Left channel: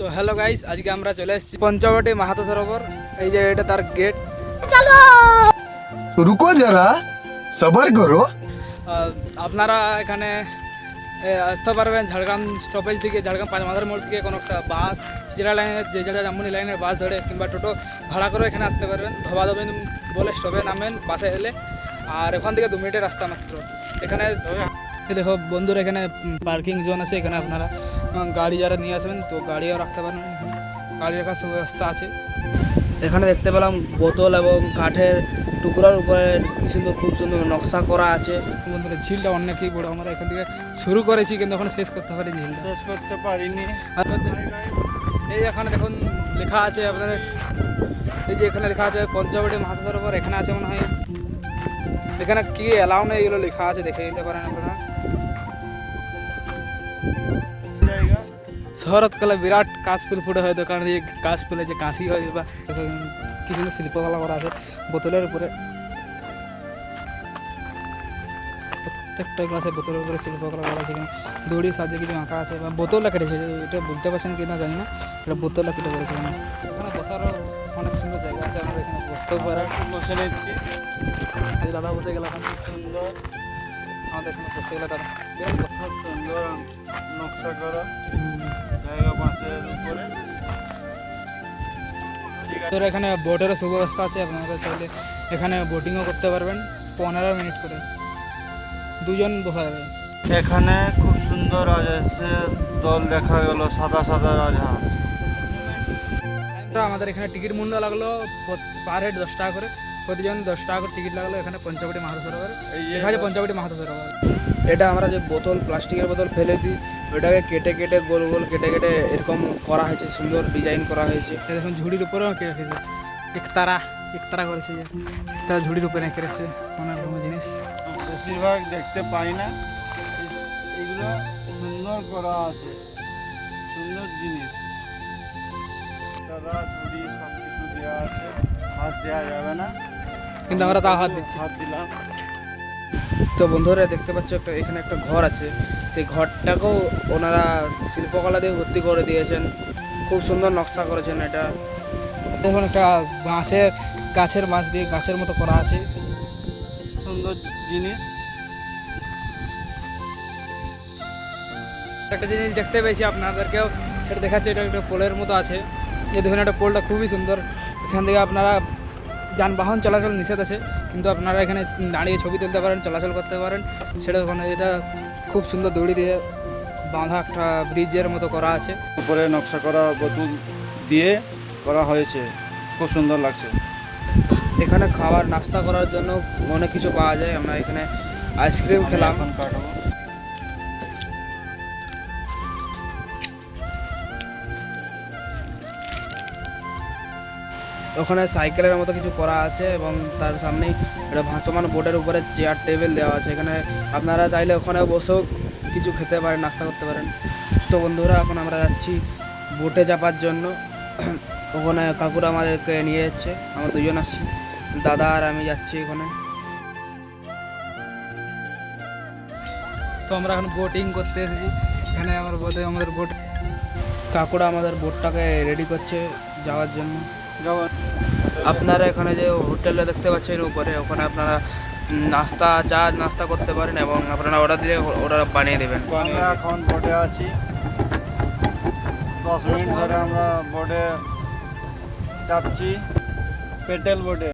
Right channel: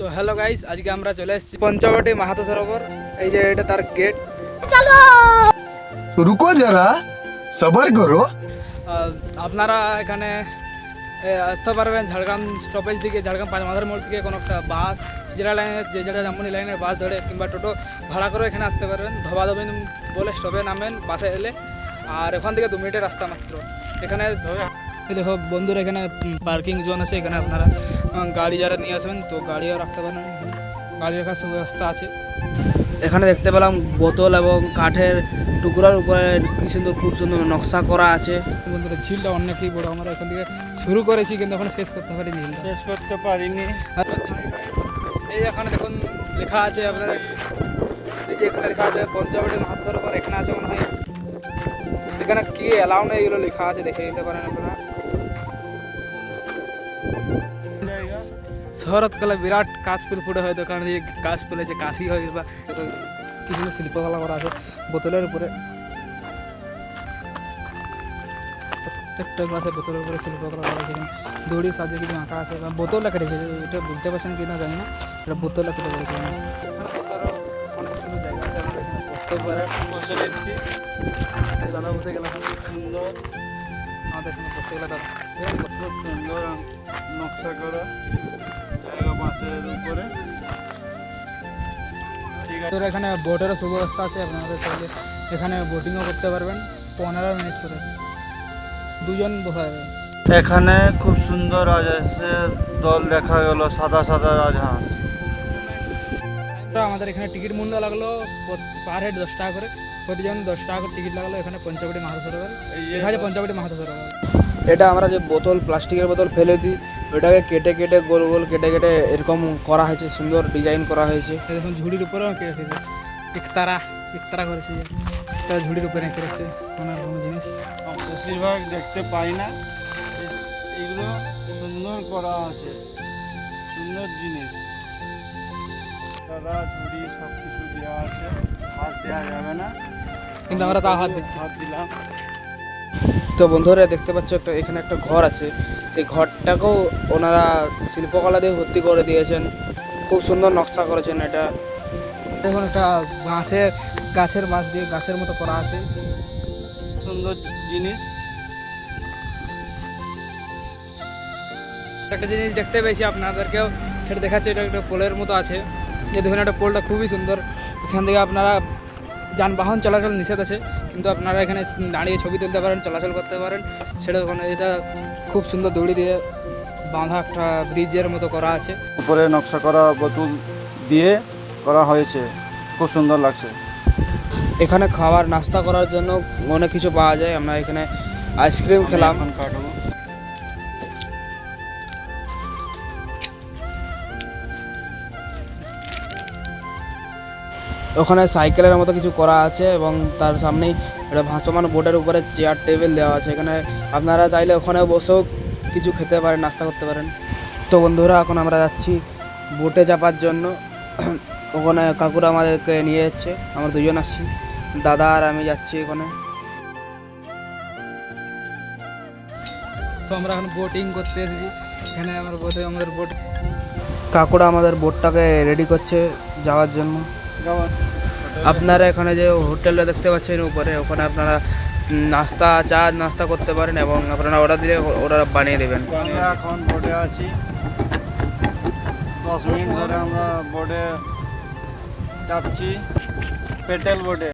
তো hello guys, আজকে আমরা চলে এসেছি পঞ্চবটি মাহাতো সরোবর। এই যে এটা তার গেট। रुको जरा सबर करो। আপনারা এখানে আসতে পারবেন ঝাড়গ্রাম স্টপেজ থেকে, ঝাড়গ্রাম পাঁচ মাথার মোড় থেকে কোনো একটা বাস, যেটা লাইনের যেটা জামবনি লাইনের বাস ধরে কিংবা টোটো ভাড়া করে এখানে আসতে পারবেন। ধবাধবেন বলে স্টপে নামেন বাসে এলে, আর ওখান থেকে 2 মিনিটের রাস্তা মাত্র। এখানে দেখো বন্ধুরা, এখানে পার্কিং জোন আছে। এখানে আপনারা গাড়ি যারা নিয়ে আসবেন তো গাড়িও রাখতে পারেন, গাড়ি রাখার সুব্যবস্থা আছে। এখানে দেখতে পেলাম বোতল এবং কাঠের টুকরার উপরে কি সুন্দর, খুব সুন্দর নকশা করা আছে। বন্ধুরা ঝিলটা অনেকটাই বড়, আমরা এখান থেকে শুরু করেছি কিন্তু এখন শেষ করতে পারিনি, ঝিলটা শেষ করতে পারিনি। এই এখানে দেখুন লেখা আছে আপনাদের, এই যে এখানে লেখা আছে পঞ্চবটি মাহাতো সরোবর। এখানে আছে মনে হয়, এখানে কি অ্যালাউ নেই এগুলো লেখা আছে, দেখে নিতে পারেন আপনারা। শরৎকালে বিরাট কাশফুল ফুটে হয়, দোকান দিয়ে কাশফুলে যে কাশি হয় বা কিছু শিল্পকলা করা আছে বোতলের উপরে। প্রত্যেকটা গ্লাসে বোতলের উপরে শিল্পকলা করা আছে। এখানে দড়ি সাজিয়ে কিছু আঁকা আছে, বোতলটা কেটেছে, এটা বুঝতে পারছেন কি না জানি না, এটা বোতলটা কেটে পড়েছে। এখানে বসারও অনেক সুন্দর জায়গা আছে, আমরা এখানে বসতেও পারে। বসে রয়েছি, দাদা বসে গেল, খুব সুন্দর আমাদের এখানে বসে গেল তারা। খুব সুন্দর নকশা করা বাঁশের উপরে। তোর এখানে বোটেরও সুব্যবস্থা আছে, আপনারা চাইলে এখানে বোটিংও করতে পারবেন 15 মিনিট করে, 2 জন বসা যাবে। এখানে খুব সুন্দর রাজহাঁসের দল দেখা গেল, সাদা সাদা রাজহাঁস। আমাদের এখানে টিকিট মূল্য লাগলো পার হেড 10 টাকা করে, প্রতিজন 10 টাকা করে টিকিট লাগলো। এখানে পঞ্চবটি মাহাতো সরোবর, এখানে পঞ্চবটি মাহাতো সরোবর। এটা আমরা যে বোতল, প্লাস্টিকের বোতল ফেলে দিই, ওইটাকে কেটে কেটে গোল গোল কেটে কেটে এরকম করা হয়েছে, সুন্দর ডিজাইন করা হয়েছে। দেখুন ঝুড়ির উপরেও রেখে রেখেছে, একতারা করেছে, যে তারা ঝুড়ির উপরে রেখে রেখেছে অনেক রকম জিনিস। বেশিরভাগ দেখতে পাই না, এগুলো সুন্দর করা আছে, সুন্দর জিনিস। তারা ঝুড়ি সব কিছু দেওয়া আছে, হাত দেওয়া যাবে না, কিন্তু আমরা তাও হাত দিচ্ছি। হাত দিলাম। তো বন্ধুরা দেখতে পাচ্ছ একটা এখানে একটা ঘর আছে, সেই ঘরটাকেও ওনারা শিল্পকলা দিয়ে ভর্তি করে দিয়েছেন, খুব সুন্দর নকশা করেছেন। এটা দেখুন একটা গাছের মাছ দিয়ে গাছের মতো করা আছে, সুন্দর জিনিস। একটা জিনিস দেখতে পেয়েছি, আপনাদেরকেও সেটা দেখাচ্ছে। এটা একটা পোলের মতো আছে, যে দেখুন একটা পোলটা খুবই সুন্দর। এখান থেকে আপনারা যানবাহন চলাচল নিষেধ আছে, কিন্তু আপনারা এখানে দাঁড়িয়ে ছবি তুলতে পারেন, চলাচল করতে পারেন। সেটা ওখানে এটা খুব সুন্দর দড়ি দিয়ে বাঁধা একটা ব্রিজের মতো করা আছে। উপরে নকশা করা বোতল দিয়ে করা হয়েছে, খুব সুন্দর লাগছে। এখানে খাবার নাস্তা করার জন্য অনেক কিছু পাওয়া যায়। আমরা এখানে আইসক্রিম খেলাম। এখন কাটবো। ওখানে সাইকেলের মতো কিছু করা আছে এবং তার সামনেই একটা ভাসমান বোটের উপরে চেয়ার টেবিল দেওয়া আছে। এখানে আপনারা চাইলে ওখানে বসেও কিছু খেতে পারেন, নাস্তা করতে পারেন। তো বন্ধুরা এখন আমরা যাচ্ছি বোটে চাপার জন্য। ওখানে কাকুরা আমাদেরকে নিয়ে যাচ্ছে, আমরা 2 জন আসছি, দাদা আর আমি যাচ্ছি ওখানে। তো আমরা এখন বোটিং করতে এসেছি, এখানে আমাদের বোট কাকুরা আমাদের বোটটাকে রেডি করছে যাওয়ার জন্য। আপনারা এখানে যে হোটেলটা দেখতে পাচ্ছেন উপরে, ওখানে আপনারা নাস্তা করতে পারেন এবং আপনারা অর্ডার দিলে ওরা বানিয়ে দেবেন। আমরা এখন বোটে আছি, 10 মিনিট ধরে আমরা বোটে চাপছি, পেটেল বোটে।